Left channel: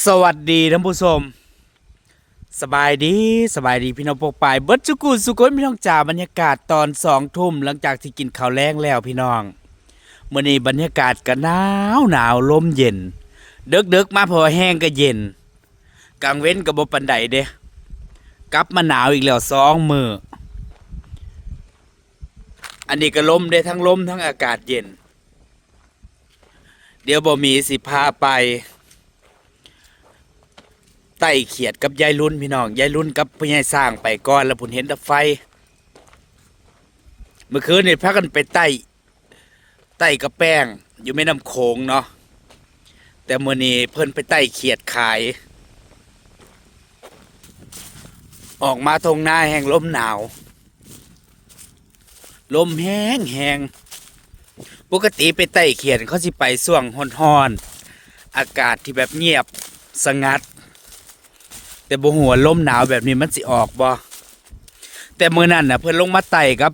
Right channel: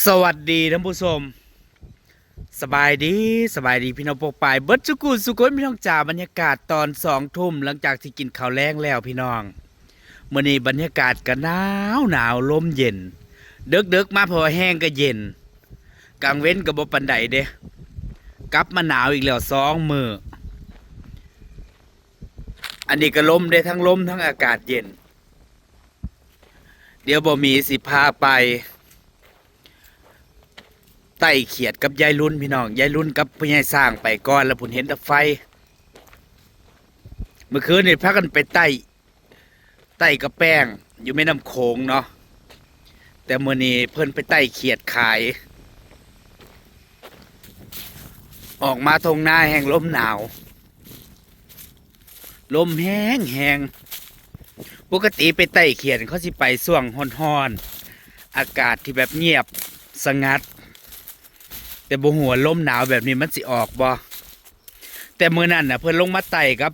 สวัสดีท่านผู้ชม สบายดีสบายดีพี่น้องปกปายเบิร์ดจุกูสุกุนพี่น้องจ่าบรรยากาศตอนสองทุ่มหลังจากที่กินข้าวแรงแล้วพี่น้องเมื่อนี้บรรยากาศก็หนาวหนาวลมเย็น เดึกเดึกมาพอแห้งก็เย็นกลางเว้นก็บ่ปันใดเด้กลับมาหนาวอีกแล้วสองมืออันนี้ก็ลมได้ทั้งลมทั้งอากาศเย็น เดี๋ยวบ่มีสิพาไป ไต่เขียดกับยายรุ่นพี่น้องยายรุ่นกับพ่อใหญ่สร้างไปก่อนแล้วผุนเห็นตะไฟ เมื่อคืนนี่พากันไปไต่ไต่กับแป้งอยู่แม่น้ำโขงเนาะแต่มื่อนี้เพิ่นไปไต่เขียดขาย ออกมาทงหน้าแห่งลมหนาว ลมแห้งแห้งปกติไปไต่เขียดเขาสิไปส่วงฮ้อนๆอากาศที่แบบเงียบสงัด แต่บหัวลมหนาวแบบนี้มันสิออกบ่แต่มื้อนั้นน่ะเพิ่นลงมาไต่กับ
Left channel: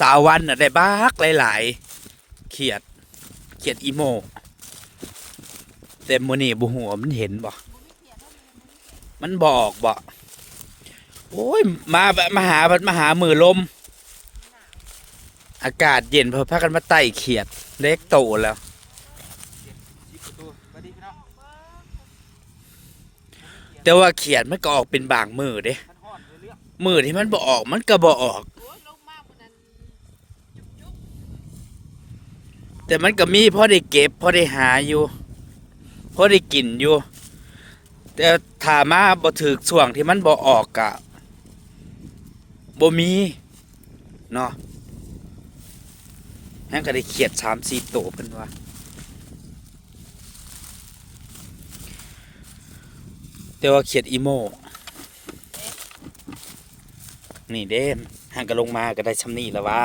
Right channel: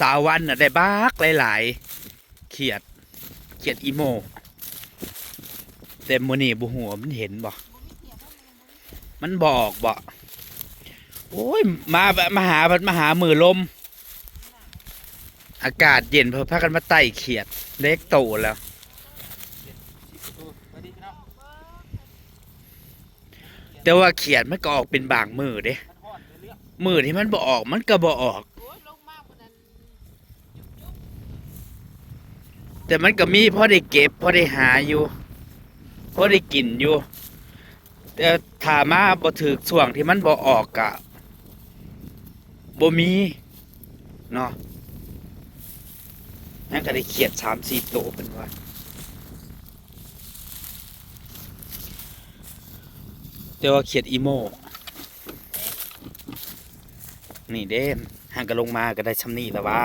สาวันน่ะได้บักหลายๆเขียดเขียดอีโมแต่มื้อนี้บหัวมันเห็นบ่มันบอกบ่โอ้ยมาแบบมาหาพิ่นมาหามือลม อากาศเย็นเพิ่นพากันมาไต่เขียดเล็กโตแล้ว แต่ว่าเขียดมันก็ออกเป็นบางมือเด้มือที่มันบ่ออกมันก็บ่ออก แต่มันก็มีพอได้เก็บพอได้หาอยู่พอได้กินอยู่ แต่ถามาบ่ถึกช่วงที่มันบ่ออกกะบ่มีเนาะนั่นก็ได้เขียดสามสี่โตเป็นว่า แต่ว่าเขียดอีโมนี่เด้นห่างกันลงมาก็ได้ชำนี่แล้วว่า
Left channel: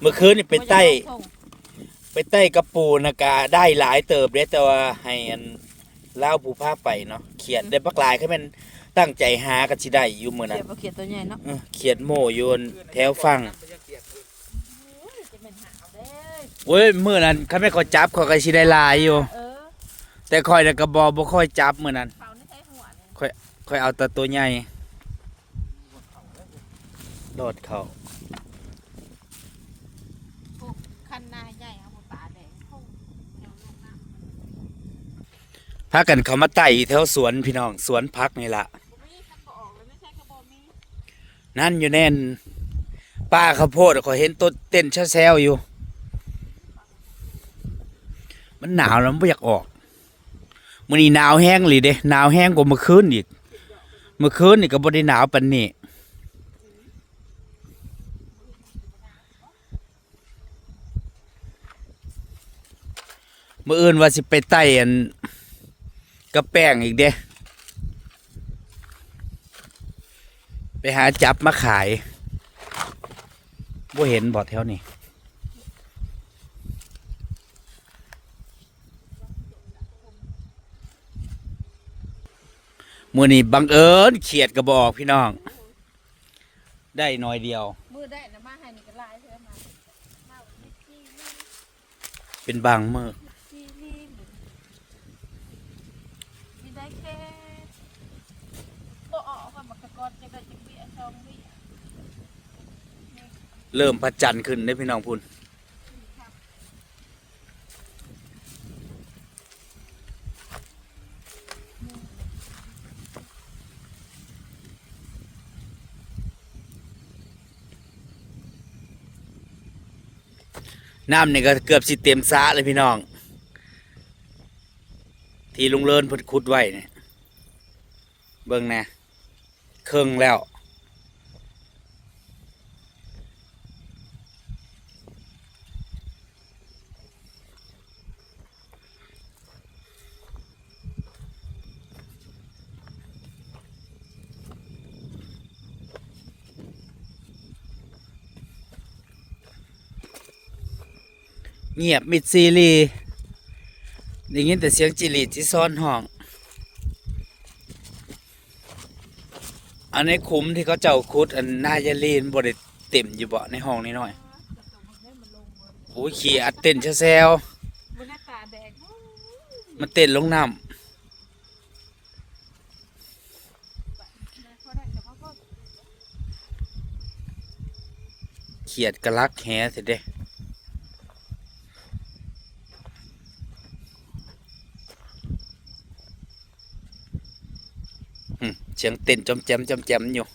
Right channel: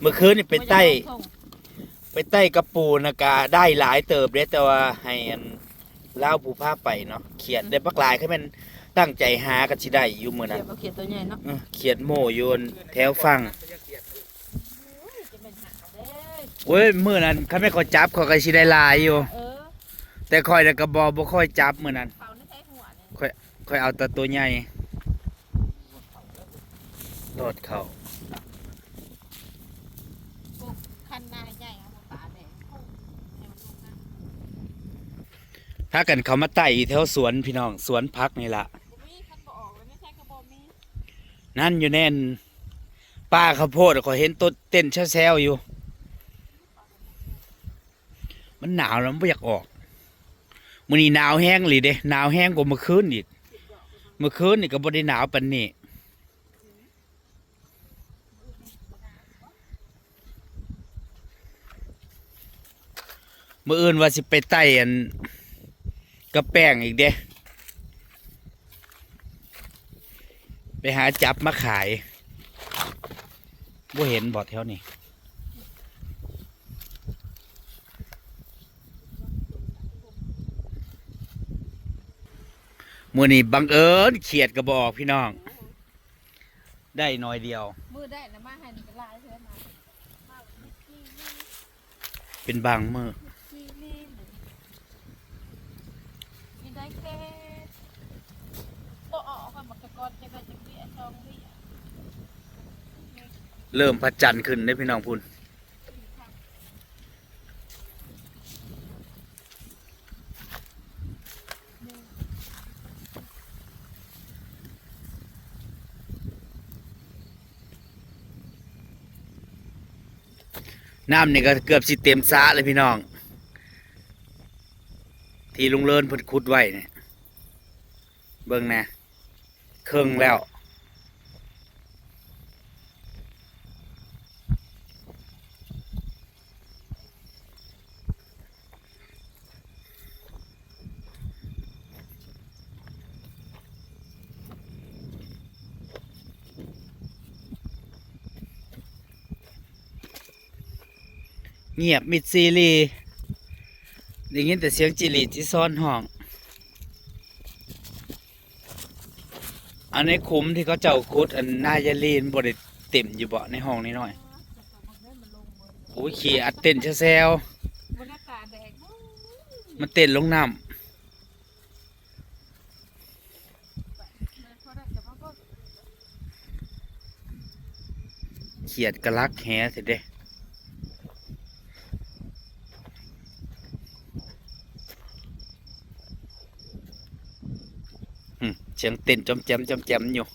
เมื่อคืนนี่ไปใต้ ไปใต้กระปูนะกาได้หลายเติบเด้แต่ว่าให้อันเล่าวผู้พาไปเนาะเขียดได้ปักหลายให้มันตั้งใจหากันสิได้อยู่มื้อเขีนั้ยนนบ่เขียนตัวใหญ่เนาะเออเขียดโมโยนแถวฟังจะเป็นหาเด้โอ้ยมื้อนั้นเขาไม่เขาจับเขาก็สิได้หลายอยู่เออ แต่ค่อยน่ะก็บ่บ่ค่อยจับมื้อนั้น เป่าในใช้หัวนี่ค่อยเอาแต่ตัวใหญ่โดดเขาพวกคันนาใหญ่เอามาป่าแดงเข้าแถวลงน้ำพากันเขามาไต่แถวสวนพี่น้อง สวนพักนี่ละบ่มีคันบ่ออกเลยไม่ใช่กระบอกมีนั่นอยู่แน่นป้าข้าวโพดขอยเห็นต้นเต้นแซวๆอยู่ มันหนาวแล้วมันไม่อยากออก มื้อนี้หนาวแห้งเลยเด้หนาวแห้งกว่าเมื่อคืนอีกเมื่อคืนนี่ก็บ่ได้หนาวปานนี้มื่ออื่นว่าสิไปไต่อันกระแป้งอีกเด้ ไปหาจับมาขายบ่เห็นบ่แถวนี้ มื่อนี้บังเอิญเขียดกระบอกพี่น้อง ได้น้อยเดียว มือได้นะมาให้นี่ก็ลายเท่านั้นมาวันนี้จี้นี่เป็นบางมือจี้นี่นี่ได้แค่บ่ออกกันบักตะกอนจะได้จังเบี้ยซองเบี้ยเริ่มพัดจันทร์ขึ้นได้พี่น้องพุ่น น้ำนี่ก็เกือบสิเต็มสะเลยพี่น้อง ที่ลุงเลินเพิ่นขุดไว้เนี่ยเบิ่งนะเครื่องแล้ว เงียบมิดซีรีได้ยินแต่เสียงจิริที่ซ่อนห้อง อันนี้คุ้มที่เขาเจ้าคุด อันนายาลีนบริเต็มอยู่เบ่ในห้องนี้หน่อยโอ้ยขี่อัดเต้นแซวบรรยากาศแดงๆมันเต้นลงน้ำเขียดกระลักแหสิเด้ สียงเต้นจอมแจมจอมแจมอยู่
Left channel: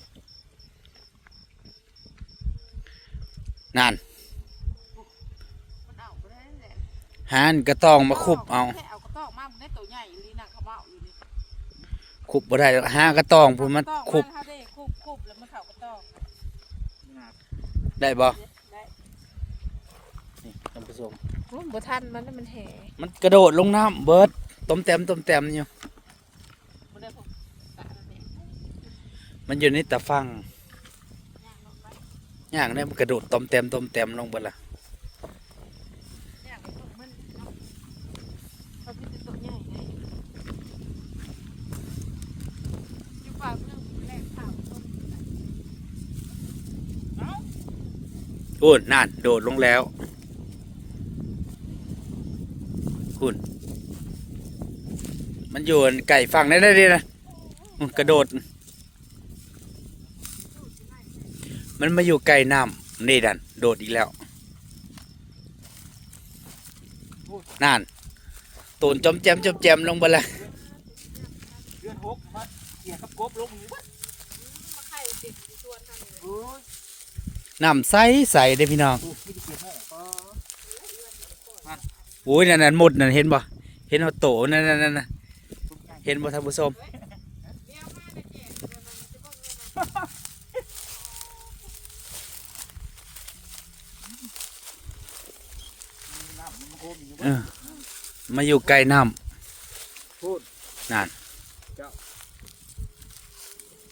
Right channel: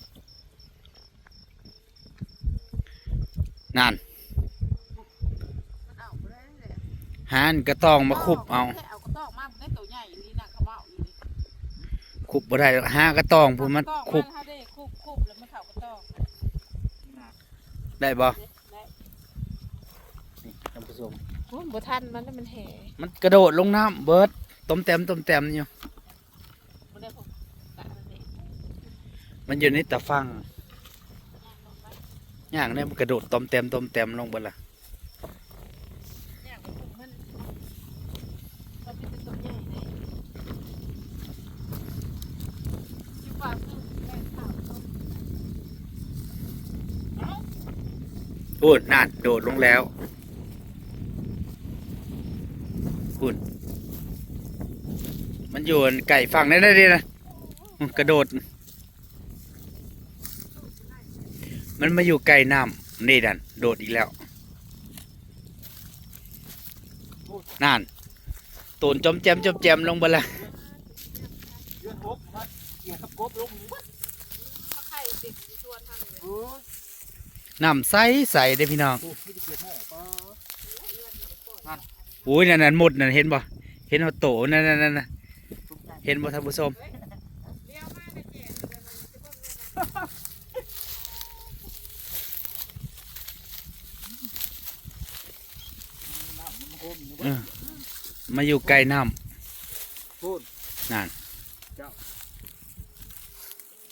นั่นมันเอาไปได้แหละหานก็ต้องมาคุบเอาแค่เอากระตอกมามันได้ตัวใหญ่ลีน่ะเขาเมาอยู่นี่คุบบ่ได้หรอกหากระต้องพูนมันกระตอกคุบมาเขาได้คุบคุบแล้วมันเข้ากระตอกได้บ่ได้ท่านผู้ชมโอ้ยบ่ทันมันแล้วมันแห่มันกระโดดลงน้ำเบิดต้มแต้มต้มแต้มอยู่ บ่ได้พกตาเลย มันอยู่ในตะฟังย่างเนี่ยมันกระโดดต้มแต้มต้มแต้มลงบิดละเนี่ยมันมันเอาไปเป็นตัวใหญ่เลยอยู่ฝากนึงแรกฝากคนพูนนั่น โดดลงแล้วพูนมันอยู่ไก่ฝั่งนั่ได้ดินะกระโดด มันมาอยู่ไก่น้ำนี่ดัน โดดอีกแล้วนั่นตูนจอมแจมจอมแจมลงไปแล้วเดือนหกครับเกี่ยวกับกบลงนี่บ่มาไข่ติดอยู่ชวนทางเลยโอ้ยน้ำใสใสเด้อพี่น้องไม่ได้เกี่ยวแน่ก็โอ้ยนั่นนั่นหมดนั่นเห็นบ่เห็นเอาโตนั่นนั่นนั่นน่ะเห็นบ่ท่านผู้ชม น้ำมัน โคมอยู่เออมาอยู่ใกล้น้พูดำนั่น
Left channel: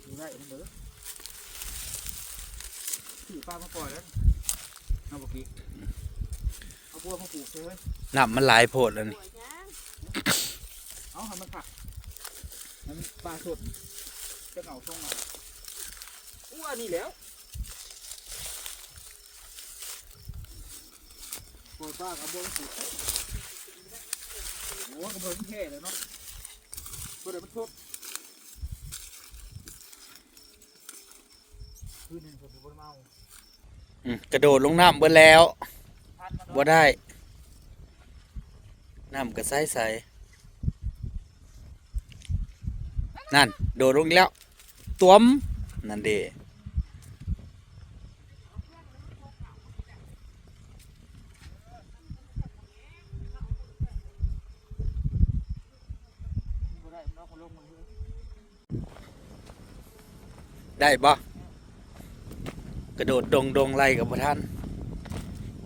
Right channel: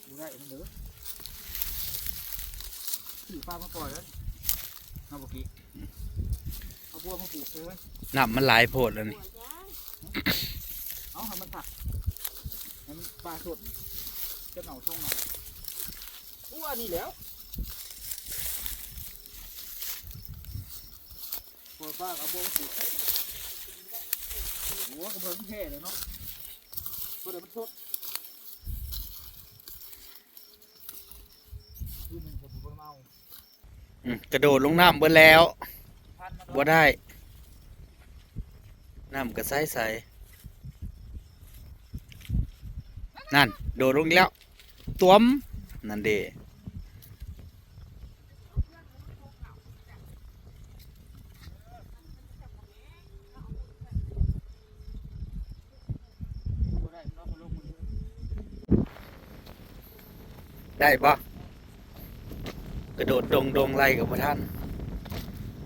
อยู่ได้ทั้งเด้อขี่ปลามาก่อนเลยเอาบุกี้เอาบัวมาปลูกเลยน้ำมันหลายโพดแล้วนี่เอาให้มันขักให้มันปลาสดจะเอาช่องมาอู้อันนี้แล้ว ปล่อยปลาเอาบัวมาปลูกโอ้กระเบื้องเท่เลยเนาะตัวเดี๋ยวมันสดคืนหนึ่งผมบ่ได้เมาอืมกระโดดลงน้ำเบิดแล้วพันมันบ่ได้ น้ำก็ใสใสนั่น โดดลงอีกแล้วตวมนั่นเด้ ได้มันเอาคนลงมือเลยได้บ่กระโดดดงดงไล่กับพระท่าน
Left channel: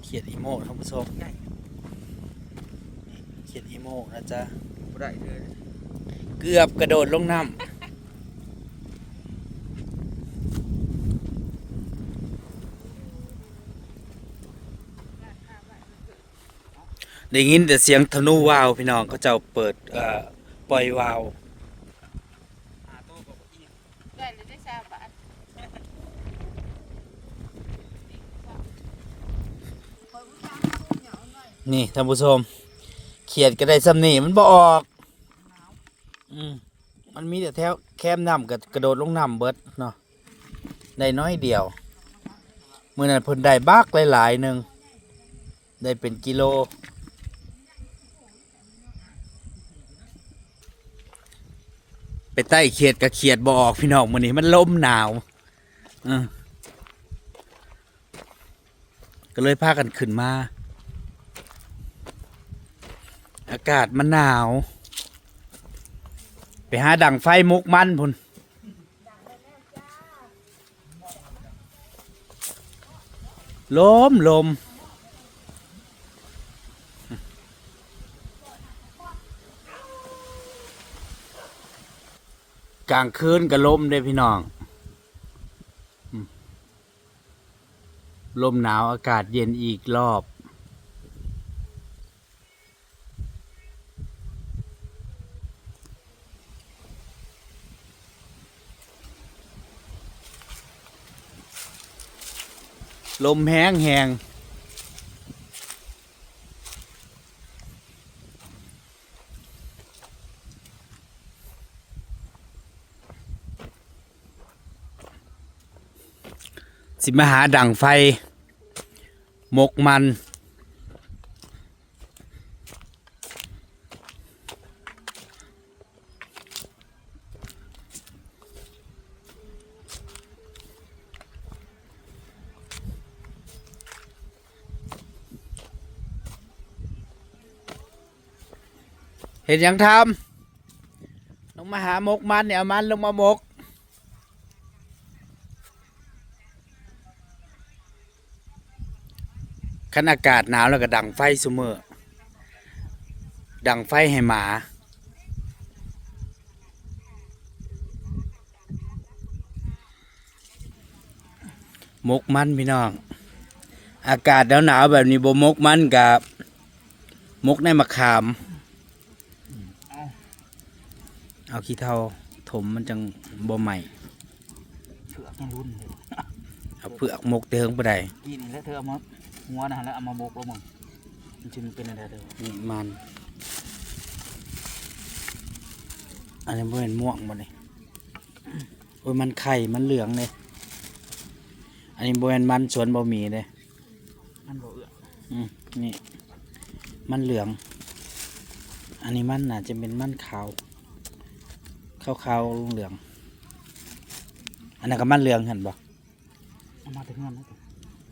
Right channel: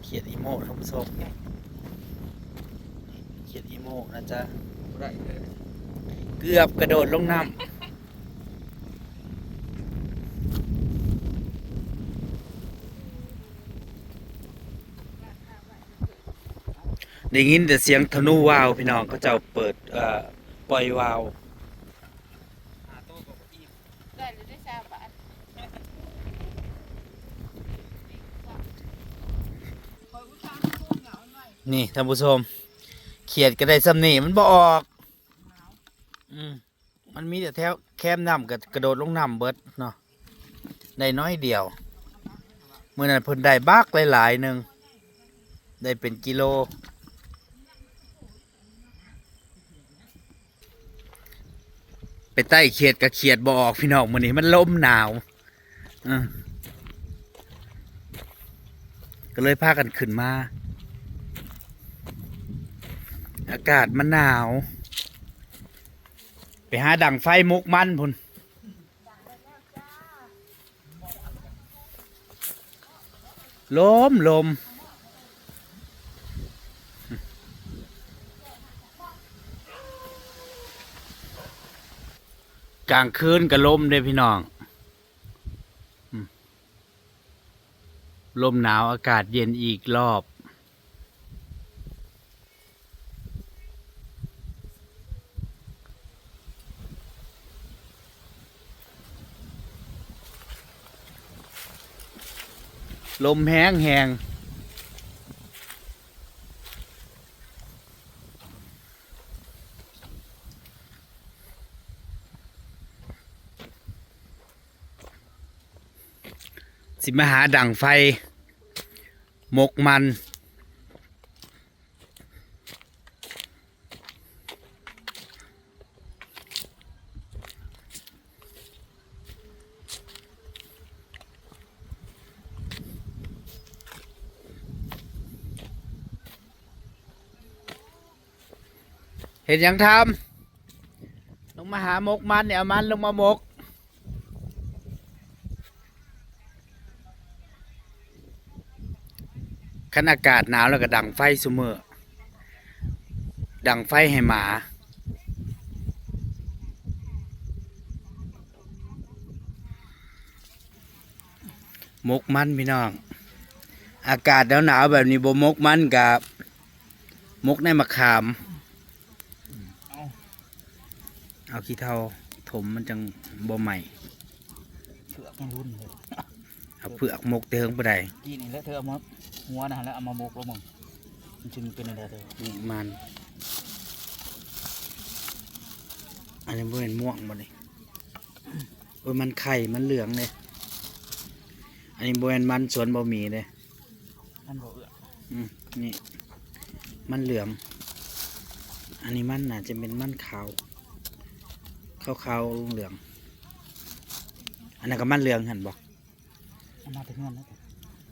เขียดอีโม่ท่านผู้ชมเขียดอีโม่นะจ๊ะบ่ได้เลยเกือบกระโดดลงน้ำได้ยินแต่เสียงธนูวาวพี่น้องเขาเจ้าเปิดเอ่อปล่อยวาว หาโต๊ะกับเก้าอี้ ได้เลยได้ชาบาทคอยอุตส่าห์พูดเหงาห นี่ท่านผู้ชมเขียดก็ได้ซ้ำนี่มันบ่ออก อืมมันมีแต่แถวแคมน้ำกับกระโดดลงน้ำเบิดเนาะได้น้อยเดียวเมื่อนั้นเพิ่นได้บักหลายๆหนึ่งได้เป็นกิโล ไปใต้เขียดกับเขียดบออกพี่น้องมื้อนี้มันลมหนาวเออก็เลยพากันขึ้นมา อากาศมันหนาว ไปหาดังไฟมุกมันพุ่นลมลมกลางคืนก็ลมเด้พี่น้องลมหนาวอากาศเย็นอีกรอบ ลมแห้งแหงสิมหาดั่งไฟ หมกมัน เห็นยังทำลงมาหามกมันเนี่ยเอามันลงมามกขันอากาศหนาวแล้วก็ดังไฟเสมอดังไฟให้หมา มกมันพี่น้อง อากาศหนาวๆแบบนี้บ่มกมันกับมกในมะขาม เอา เอาขี้เท่าถมมันจังบ่ใหม่เผือกยังรุ่นเลยเอาเปลือกมกเติงไปได้กินแล้วเธอเอามาหัวนะฮะแล้วเอามาโบกแล้วมึงมันจึงเป็นอะไรเธอนี่มันอันนี้บ่เป็นม่วงบ่นี่โอ้ยมันไข่มันเหลืองเลยอันนี้บ่เป็นมันสวนบ่มีเลยมันบ่เอื้ออืมนี่ มันเหลือง อันนี้มันน่าจะเป็นมันขาว ขาวขาวๆเหลือง อันนั้นก็มันเหลืองเห็นบ่เอามาถึงเงินแล้ว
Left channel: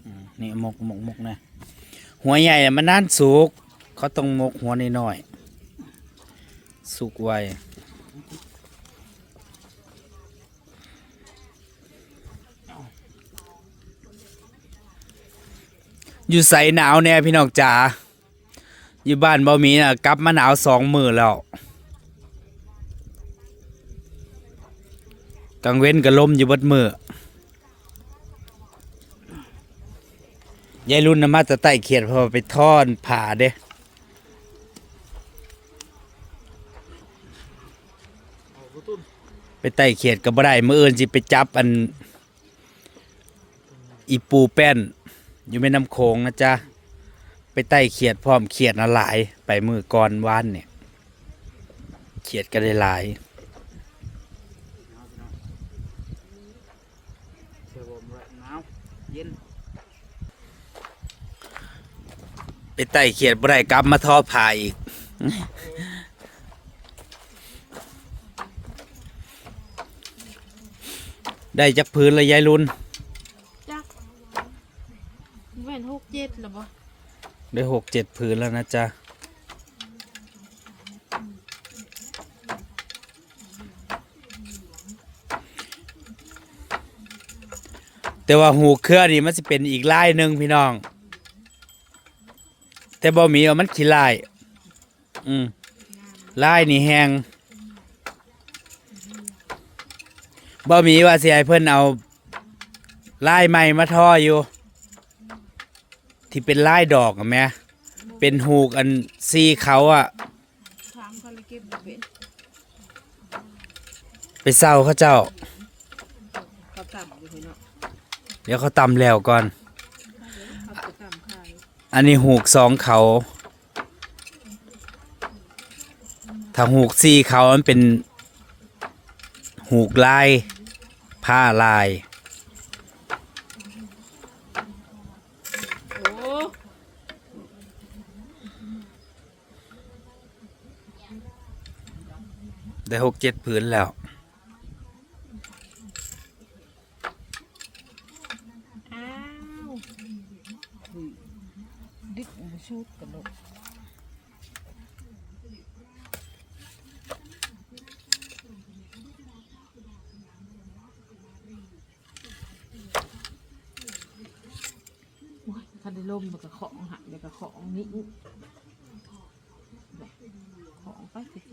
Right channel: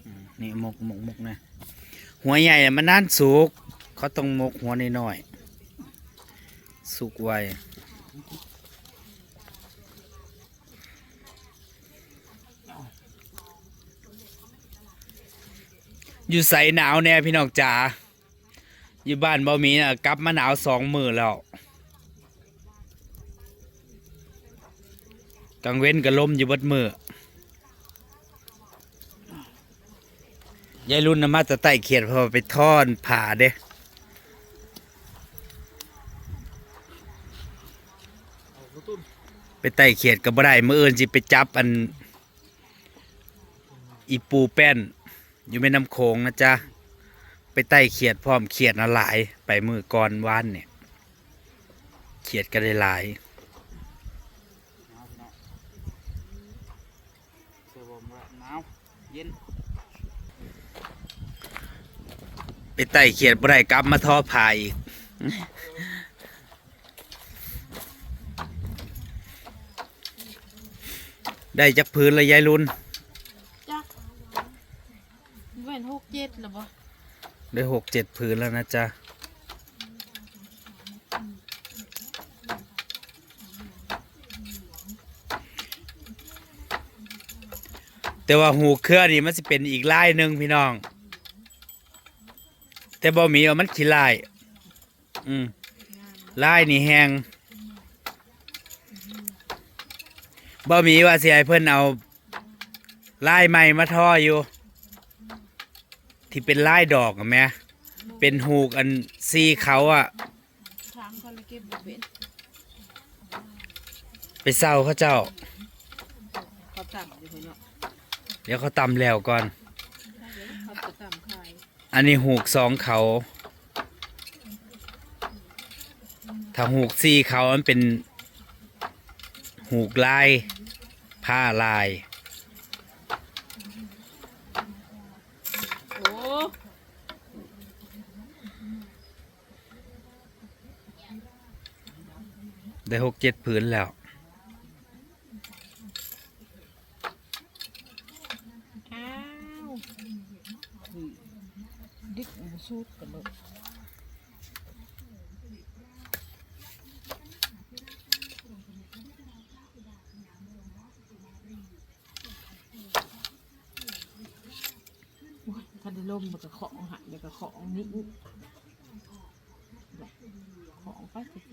อืมนี่หมกหมกหมกนะหัวใหญ่อะมันน่านสุกเขาต้องหมกหัวน้อยๆสุกไวอยู่ใส่หนาวแน่พี่น้องจ๋าอยู่บ้านบ่มีนะกลับมาหนาวสองมือแล้ว กลางเว้นก็ลมอยู่บดมือยายรุ่นนะมาแต่ใต้เขียดพอไปทอนผ่าเด้ไปไต่เขียดก็บ่ได้มื้ออื่นสิไปจับอัน อีปูแป้น อยู่แม่น้ำโขงนะจ๊ะ ไปไต่เขียดพร้อมเขียดนะหลาย ไปมือก่อนวานเนี่ย เขียดก็ได้หลาย หนาวพี่น้องเสื้อบ่มไว้หนาวเย็นไปไต่เขียดบ่ได้กลับมาทอผ่าอีกได้จักพื้นเลยยายรุ่นจักแม่นหกเจ็ดหรอบ่ได้หกเจ็ดพื้นแล้วนะจ๊ะ แต่ว่าหูเครือนี่มันจะเป็นอีกลายหนึ่งพี่น้อง แต่บ่มีเอามันขี้ลาย อืมลายนี่แหงบ่มีว่าสิให้เพิ่นเอาลายใหม่มาท่ออยู่ ที่เป็นลายดอกอะแม่เป็นหูกอันซีเขาอะถามเขาเลยเก็บบ่เป็นไปเศร้าเขาเจ้าเขาต่ำอยู่เนาะ เดี๋ยวเขาตำแล้วก่อนเขาจะต่ำขายอันนี้หูกสองเขา ถ้าหูกสี่เขามันเป็น หูกลาย ผ้าลาย โอ้ได้หกเจ็ดผืนแล้ว อ้าวดิบมาชูดกันลูกโอ้ยถ้าได้ลมมันก็ของหักเดี๋ยวก็ ของนี้ของก็สิ